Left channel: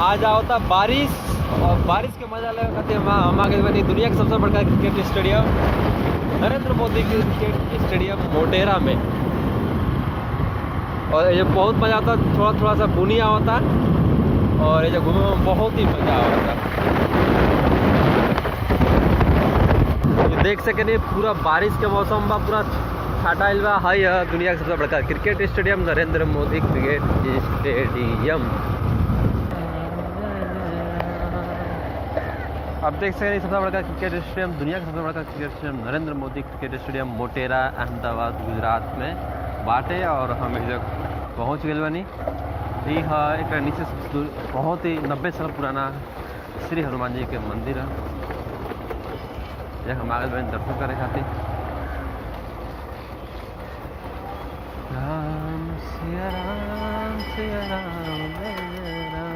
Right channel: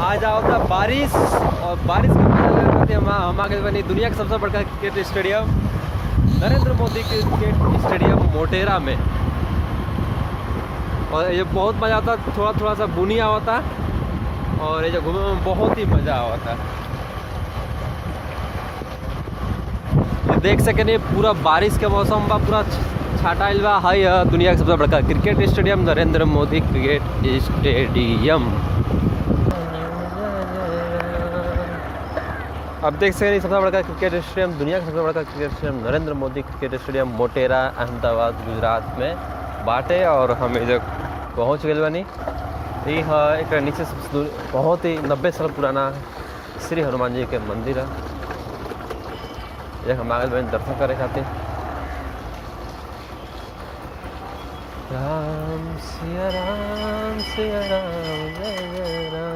आज होता बारिश और बारिश का मजा लगाते हैं। हम आगे बनी दुनिया का सबसे बड़ा cricket stadium Narendra Modi cricket stadium Motera में। और ये बहुत मज़ा आता, थोड़ा थोड़ा सा बुनिया होता और ये जो घूमने में बहुत ही मज़ा आता। ये देख सके नहीं, पूरा बारिश के मौसम बा, पूरा छाटाइल बा। हाई दुनिया का सबसे बड़ा cricket stadium Narendra Modi cricket stadium. अब देख सकते हैं सबसे बड़ा क्रिकेट स्टेडियम, दुनिया का सबसे बड़ा cricket stadium Narendra Modi cricket stadium Motera Ahmedabad Gujarat में बाटे। और हम इधर पहुँच गए बनी। ये है एक नीचे से बहुत ही 90 साल पुराना श्री हनुमान जी के मंदिर है। हम आगे बहन दर्शन करे खाते। राम सिया राम सिया राम जय जय राम।